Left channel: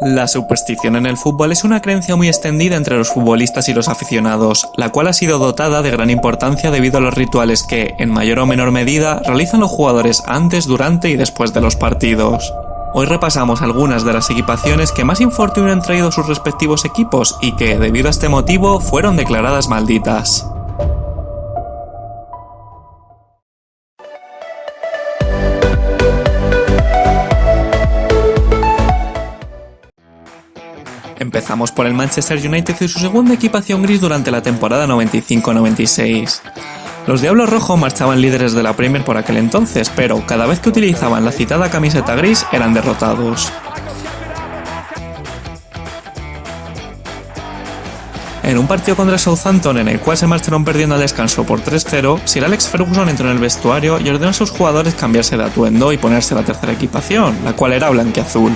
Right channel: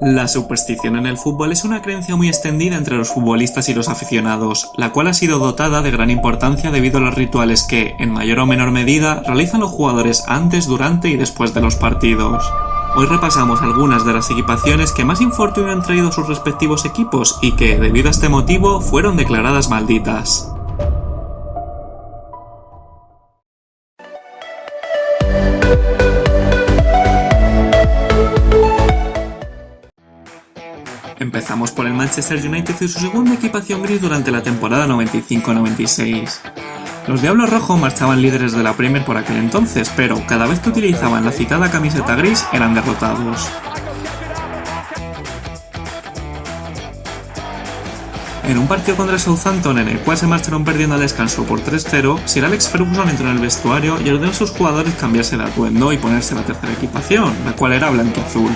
La superstición en el fútbol es una creencia muy extendida entre los futbolistas y los aficionados, la cual ha sido dotada de gran importancia debido a los rituales que, en mayor o menor medida, realizan los jugadores antes, durante y después de los partidos. Hoy repasamos algunas de las equipaciones que más infortunio han traído sus respectivos equipos y que, debido a este motivo, fueron declaradas malditas. Empezamos por el Manchester United y su segunda equipación gris durante la temporada 95-96. Los Diablos Rojos marchaban líderes de la Premier por aquel entonces, pero cada vez que utilizaban la citada camiseta gris eran derrotados. En un partido contra Southampton en el cual se marcharon perdiendo al descanso por 3-0, Sir Alex Ferguson entró en el vestuario y ordenó a sus jugadores cambiarse de atuendo y ponerse la tercera equipación, la cual era blanquiazul.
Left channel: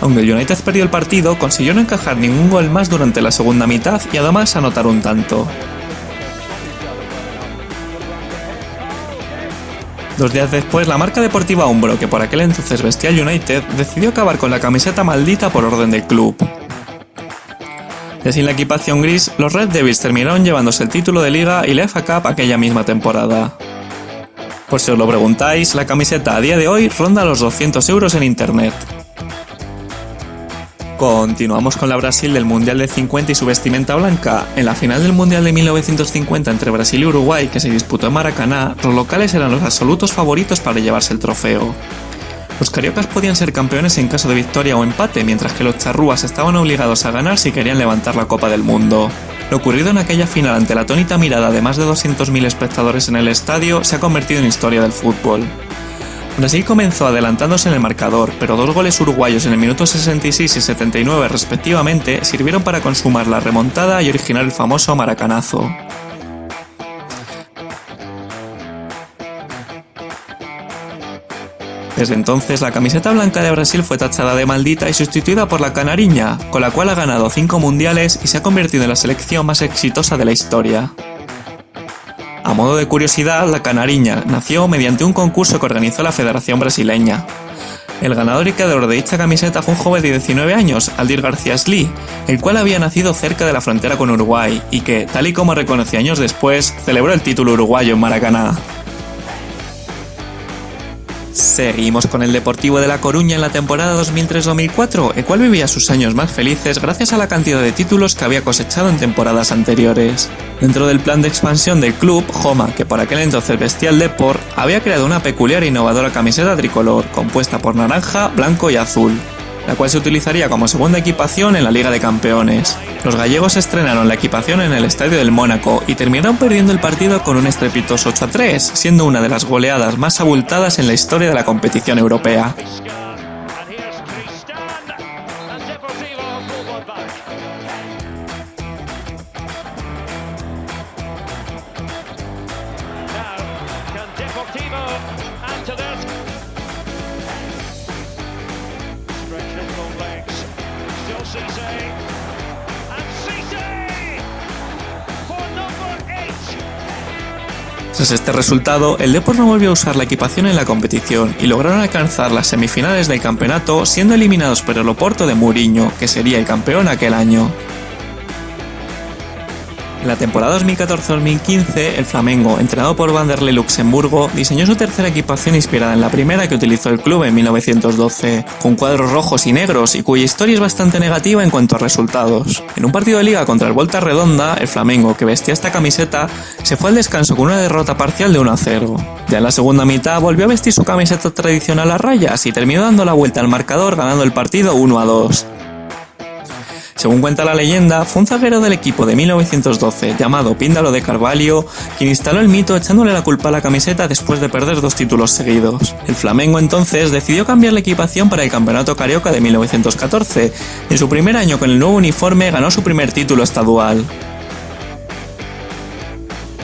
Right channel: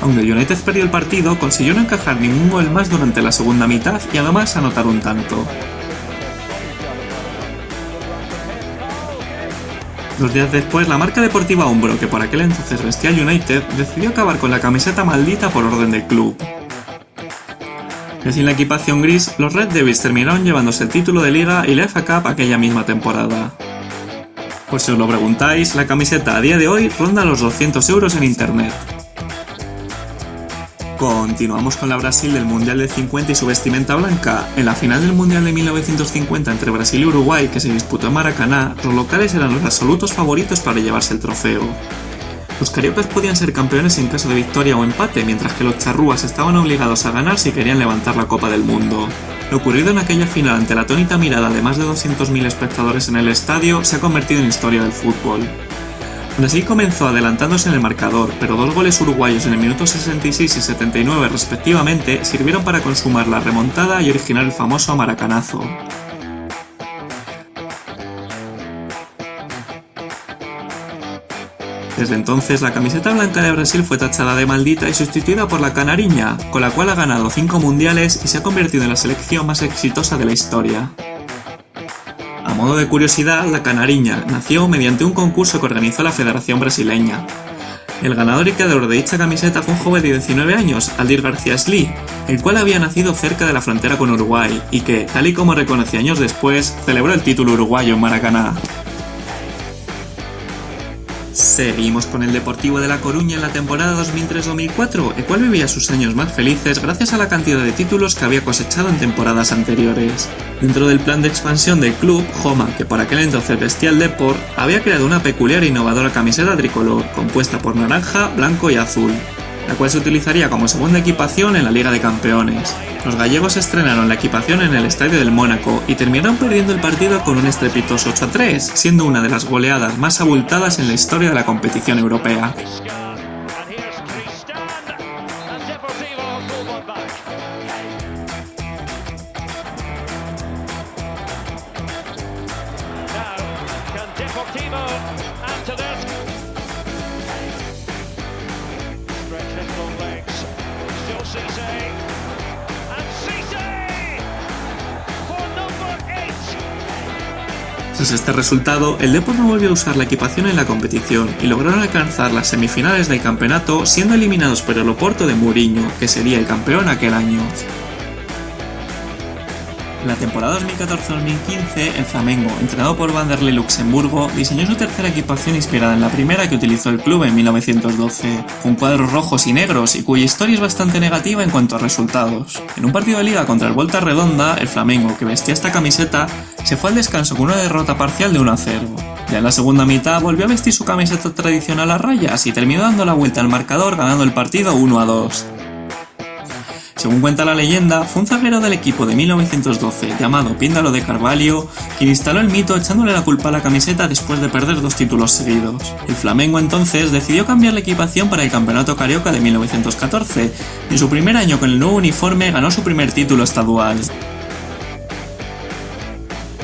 Aunque el United perdió el partido, consiguió no encajar ningún gol más durante la segunda mitad y además anotar un tanto. 2 días después, la marca deportiva Umbro, que por aquel entonces vestía United, decidió acabar con la camiseta maldita por orden del club. Y sin la equipación gris, los Red Devils terminaron llevándose el título de Liga y la FA Cup aquella misma temporada. Por si os lo preguntáis, la camiseta a día de hoy ronda los 200 € en internet. Continuamos con la Brasil del Mundial del 50 y su vestimenta blanca. En la final del Mundial de 1950 entre Brasil y Uruguay, que se disputó en Maracaná, los locales eran los absolutos favoritos para llevarse el trofeo. Los cariocas podían ser campeones en caso de victoria o empate, mientras que los charrúas estaban obligados a ganar si querían levantar la Copa del Mundo. Lo ocurrido en aquella final ante la atónita mirada de más de 200.000 espectadores en el estadio se ha convertido en historia del fútbol. Brasil comenzó adelantándose en el marcador, pero 2 goles uruguayos en el minuto 66 y 79 respectivamente sirvieron para consumar la remontada y originar el famoso maracanazo. Desde entonces, la camiseta blanca de Brasil fue tachada de maldita y sustituida por la canariña, con la cual ha ganado 5 mundiales y se ha convertido en la selección más exitosa de la historia. A modo de curiosidad, la canariña nació mediante un concurso que organizó la Federación Brasileña. El ganador y creador de dicha camiseta fue un joven de 19 años, Aldir García Sli, el cual había nacido cerca de la frontera con Uruguay y que, tal y como reconoció años después, celebró el título uruguayo en Maracaná. Seguimos con el Deportivo de La Coruña en la temporada 2003-2004, el cual vivía sus años más felices gracias a la cantidad de títulos que había cosechado en temporadas anteriores. Dentro del plan de expansión del club, Joma, que por aquel entonces vestía el Depor, había creado una peculiar e innovadora camiseta tricolor, compuesta por naranja, blanco y azul, la cual se utilizaría como segunda equipación en la Liga de Campeones. Los gallegos estrenaron la equipación en el Estadio del Mónaco y terminaron perdiendo el partido con un estrepitoso 8-3, siendo una de las goleadas más abultadas en la historia de la competición europea. Tras este resultado, el Depor no volvió a usar la equipación en la competición y lograron alcanzar las semifinales del campeonato, siendo eliminados por el Oporto de Mourinho, que sería el campeón aquel año. En la temporada 2014-2015, el Flamengo, entrenado por Vanderlei Luxemburgo, diseñó su tercera equipación inspirada en la primera que utilizó el club en 1912, con cuadros rojos y negros y cuya historia es bastante negativa en cuanto a resultados. En un partido de liga contra el Volta Redonda, el Flamengo, que vestía esta camiseta, se fue al descanso con una derrota parcial de 1-0. Ya en la segunda mitad volvió a vestir su camiseta tradicional a rayas y terminó dando la vuelta al marcador ganando el partido 1-2. Según cuenta la leyenda, fue un zaguero del equipo de 1912, llamado Píndaro de Carvalho, quien instaló el mito echándole la culpa a la camiseta después de perder 2 títulos seguidos. El Flamengo entonces decidió cambiar la equipación para el Campeonato Carioca de 1914, y en su primer año con el nuevo uniforme ganó su primer título estadual.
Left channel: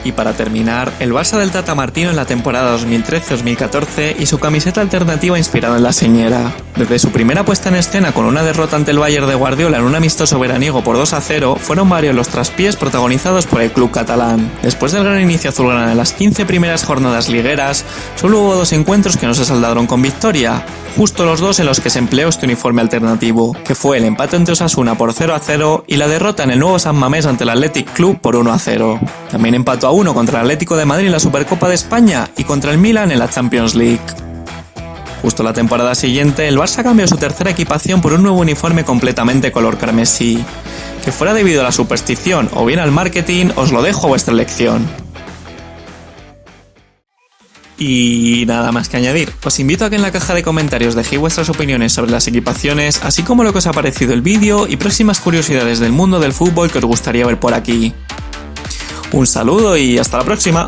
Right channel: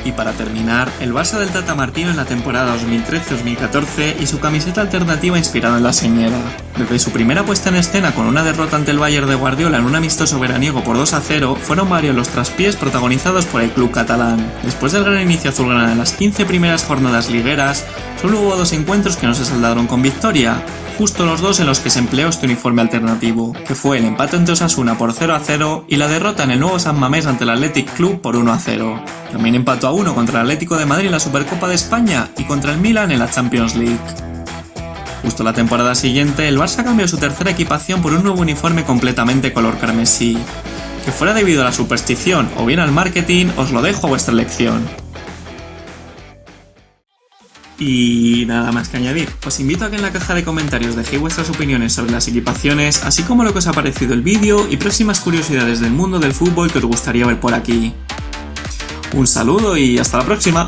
Y para terminar, el Barça del Tata Martino en la temporada 2013-2014 y su camiseta alternativa inspirada en la señera. Desde su primera puesta en escena con una derrota ante el Bayern de Guardiola en un amistoso veraniego por 2-0, fueron varios los traspiés protagonizados por el club catalán. Después del gran inicio azulgrana en las 15 primeras jornadas ligueras, solo hubo 2 encuentros que no se saldaron con victoria, justo los 2 en los que se empleó este uniforme alternativo, que fue el empate ante Osasuna por 0-0 y la derrota en el nuevo San Mamés ante el Athletic Club por 1-0. También empató a 1 contra el Atlético de Madrid en la Supercopa de España y contra el Milan en la Champions League. Justo la temporada siguiente, el Barça cambió su tercera equipación por un nuevo uniforme completamente color carmesí. Que fuera debido a la superstición o bien al marketing, os lo dejo a vuestra elección. Y nada más que añadir, os invito a que en la caja de comentarios dejéis vuestras opiniones sobre las equipaciones, así como lo que os ha parecido el vídeo y próximas curiosidades del mundo del fútbol que os gustaría ver por aquí. Un saludo y hasta la próxima.